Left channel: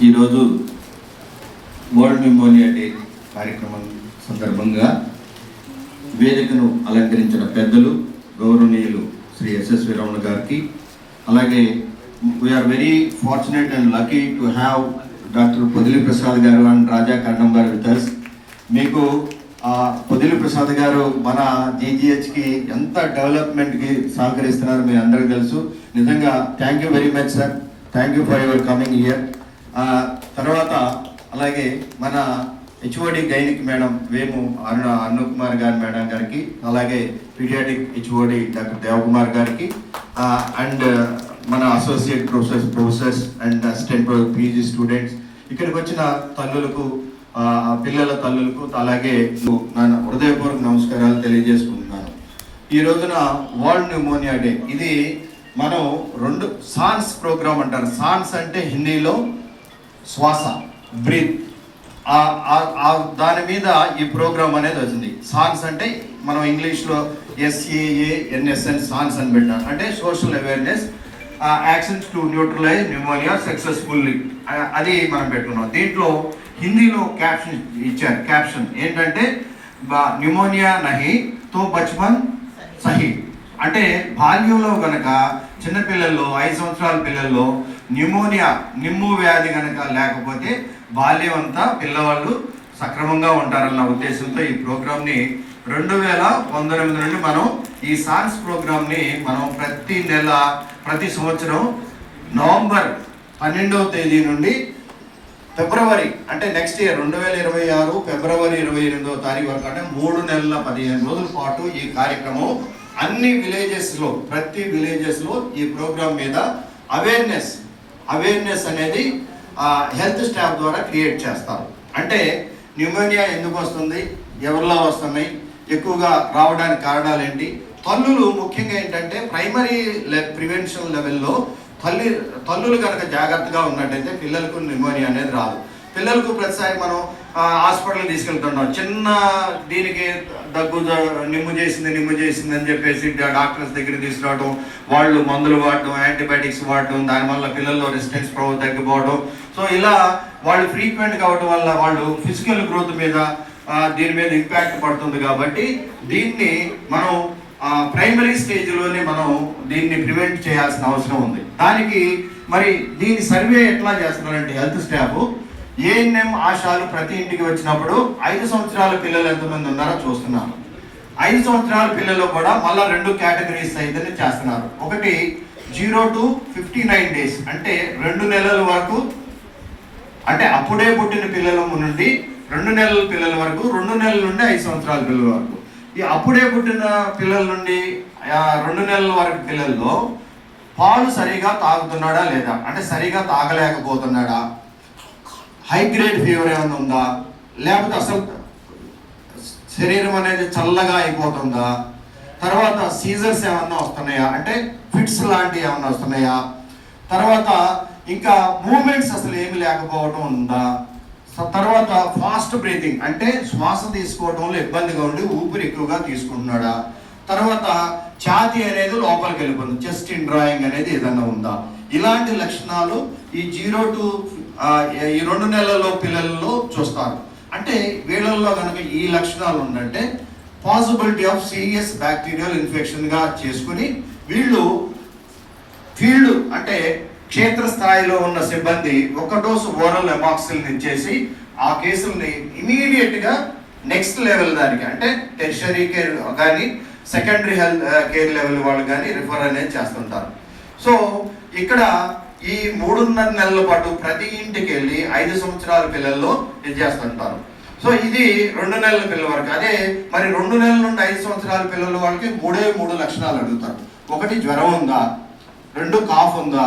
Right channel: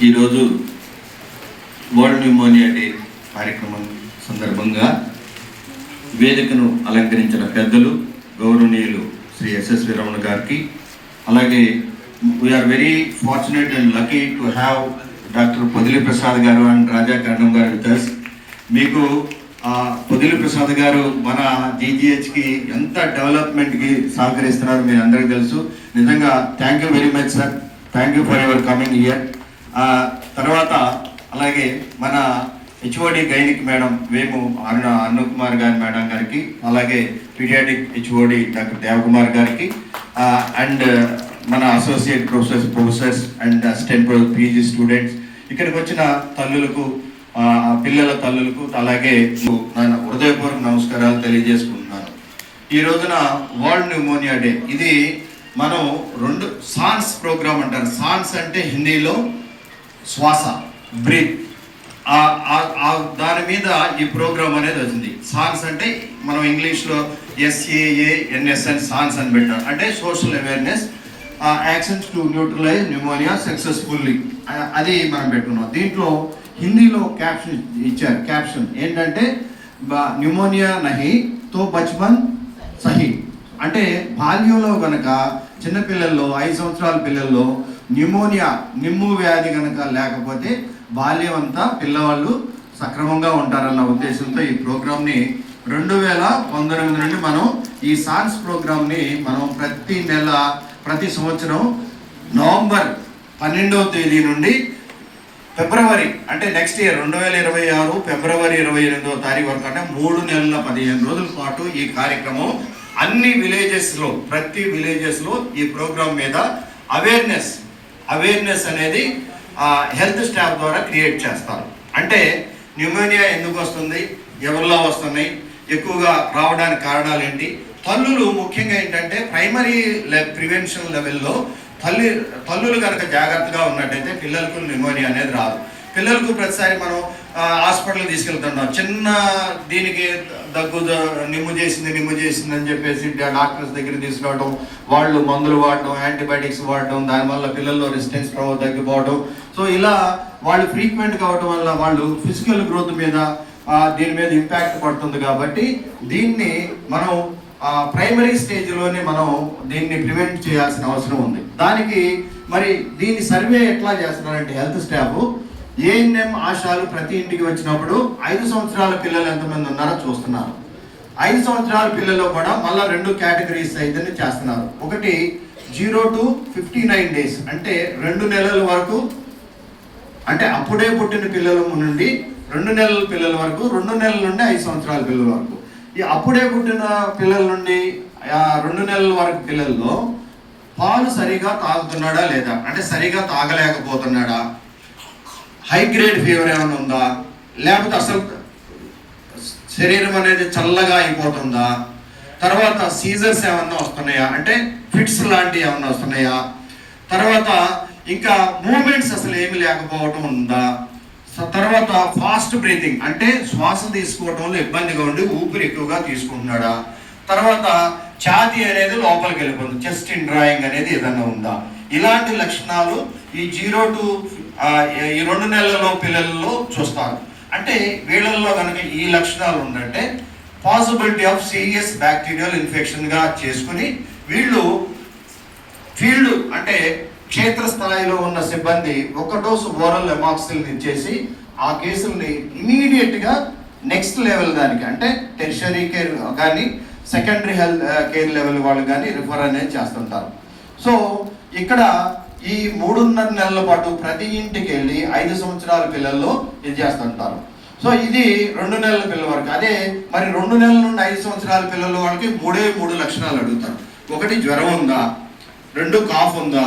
ఈరోజు world pneumonia day కార్యక్రమం సందర్భంగా వేదికను అలంకరించిన పెద్దలు గౌరవనీయులు శ్రీ ఎస్ఎస్వి రమణ గారికి, అలాగే we're very fortunate and lucky to have doctor Podili Prasad గారు అండ్ రాజా కర్ణం గారు విత్ us. మీకు పొదిలి ప్రసాద్ గారు మన జీజీహెచ్కి ఎంత డెవలప్మెంట్కి సహకరిస్తున్నారో మీ అందరికీ తెలుసు. నిజంగా thank you very much sir, thank you for your coming here. తర్వాత అలాగే మన HOD gynaec madam Vemu Arun Kumar గారి మేడం గారికి, అలాగే పీడియాటిక్ హెచ్ఓడి డాక్టర్ దేవకుమార్ గారికి, అండ్ మన associate professors and assistant PG students, ఇక్కడికి వచ్చిన తల్లులకు, పిల్లల తల్లులకు, అలాగే నా హృదయపూర్వక నమస్కారాలు తెలియజేసుకుంటున్నాను. ఈ రోజున వరల్డ్ న్యూమోనియా డే. ఇది మనం సాన్స్ ప్రోగ్రామ్ అంటారు. సాన్స్ అంటే హిందీలో శ్వాస, బ్రీత్. దాని మీద ఈ ప్రోగ్రామ్ అనేది వచ్చింది. సాన్స్ అంటే మనం ఇంగ్లీష్లో SAANS సాన్స్ అని పెట్టాం, అంటే social awareness actions to neutralise pneumonia successfully, అది మనం పెట్టుకున్నాం. దీంట్లో హిందీలో క్యాప్షన్ ఇచ్చారు. క్యాప్షన్ ఏంటంటే న్యూమోనియా నహి తో బచ్పన్ సహీ, అంటే బాల్యంలో కనుక చిన్నపిల్లల్లో 5 సంవత్సరాల పిల్లల్లో నిమ్ము వ్యాధి కనుక లేకపోతే బాల్యం అంతా పిల్లవాళ్ళు సక్రమంగా ఉంటారన్న ఉద్దేశంతో ఈ ప్రోగ్రామ్ని 2019 నుండి మనం ఈ సాన్స్ ప్రోగ్రామ్ని మనం ప్రతి సంవత్సరం నవంబర్ 12వ తేదీ నుండి ఫిబ్రవరి, అంటే నెక్స్ట్ ఇయర్ 2026 ఫిబ్రవరి 28వ తారీఖు వరకు, అంటే 3 నెలల 15 రోజుల పాటు ఈ కార్యక్రమం అన్ని విలేజెస్లో, ప్రతి విలేజెస్లో ఈ ప్రోగ్రామ్ మీద అవేర్నెస్ అనేది హెల్త్ స్టాఫ్ ద్వారా క్రియేట్ చేస్తారు. అంటే న్యూమోనియా ఎందుకు వస్తుంది, ఎవరిలో వస్తున్నాయి, ఎక్కువగా రావడానికి కారణాలు ఏంటి, తల్లులు ముఖ్యంగా ఏంటంటే ప్రైమరీ ప్రివెన్షన్ లెవెల్లో తల్లులు కనుక జాగ్రత్తగా ఉన్నట్టయితే పిల్లలకు న్యూమోనియా అనేది రాదు. పిల్లలకు ప్రతిసారి మనం హాస్పిటల్కి తీసుకెళ్తుంటాం, చిన్న దీనికి నిమ్ము చేసింది అని చెప్పేసి డాక్టర్స్ దగ్గర తీసుకురావడం, వాళ్ళు మందులు వాడడం, యాంటీబయాటిక్స్ వాడడం, దానివల్ల పిల్లల్లో రెసిస్టెన్స్ పవర్ తగ్గిపోవడం. సో ఇలా వాళ్ళు ఫ్రీక్వెంట్ కావడం వల్ల వాళ్ళు ఫిజికల్ గ్రోత్ మీద దీని మీద ఇంపాక్ట్ పడుతుంది. కాబట్టి దీన్ని మనం ప్రైమరీ స్టేజ్లోనే మనం దీన్ని ప్రివెంట్ చేయాల్సిన అవసరం ఉంది. దానికి మరి దీని సర్వే ఎట్లా చేస్తున్నారంటే హెల్త్ స్టాఫ్ ఏఎన్ఎం ఆశాలు ప్రతి ఇంటికి వచ్చినప్పుడు 5 సంవత్సరాల పిల్లలు ఎంతమంది ఉన్నారో చూస్తున్నారు. 5 సంవత్సరాల పిల్లలు కూడా మళ్ళీ 2 కేటగిరీస్ అయితే చేస్తున్నారు. ఒకటి 0 to 59 days, అంటే 2 నెలల వరకు, అంటే అప్పుడే పుట్టిన పిల్లల నుండి 2 నెలల పిల్లల వరకు, 2 నెలల నుండి 5 సంవత్సరాల పిల్లల వరకు. ఈ అప్పుడే పుట్టిన పిల్లల నుండి 2 నెలల వరకు పిల్లల్లో పాలు సరిగా తాగుతున్నాడా లేదా, అంటే సరిగా తాగలేకపోతున్నాడా, హై గ్రేడ్ ఫీవర్ ఏమైనా ఉందా, లేకపోతే అసలు శరీరం అనేది చల్లగా అయిపోతుందా, తర్వాత సీజర్స్ ఏమన్నా వస్తున్నాయా, అంటే ఫిట్స్ లాంటివి ఏమన్నా వస్తున్నాయా, తర్వాత ఇంకా మూమెంట్స్ అసలు ఏమి లేకపోవటం ఉందా, తర్వాత ఫాస్ట్ బ్రీతింగ్, అంటే శ్వాస తీసుకోవడంలో ఇబ్బందిగా ఉండి ఊపిరి ఎక్కువగా తీసుకుంటున్నాడా, తర్వాత ఛాతీ అనేది లోపలికి వెళ్ళిపోతుంది, చెస్ట్ ఇన్ డ్రాయింగ్ అనేది ఏదన్నా ఉందా. ఇలాంటి లక్షణాలు ఈ 0 to ఈ 2 నెలల పిల్లల్లో చూస్తారు. అంటే వీళ్ళల్లో కనుక ఈ లక్షణాలు ఉందంటే పాసిబిలిటీ ఆఫ్ సీరియస్ బ్యాక్టీరియల్ ఇన్ఫెక్షన్గా చేసుకుని వీళ్ళు ఫీల్డ్, అంటే క్షేత్రస్థాయిలో ఉన్న సిబ్బంది 1 డోసు ఓరల్ ఎమాక్సిల్ని ఇచ్చేసి ఆ కేసుల్ని ఇమీడియట్గా నెక్స్ట్ లెవెల్ దానికి, అంటే టెర్షరీ కేర్ కానీ సెకండరీ హెల్త్ కేర్ లెవెల్ వాళ్ళు కానీ రిఫర్ అనేది చేస్తుంటారు. సో ఇక్కడ ఈ 3.5 నెలల పాటు ప్రతి ఇంటికి వెళ్ళి 5 సంవత్సరాల పిల్లల్లో ఇది చేస్తుంటారు. సో ఇది 2 నెలల పిల్లల వరకు. అదే మరి 2 నెలల నుండి 5 సంవత్సరాల పిల్లల వాళ్ళకి 3 లక్షణాలు అడుగుతారు. ఒకటి జ్వరం ఉందా, 2 కాఫ్ ఉందా,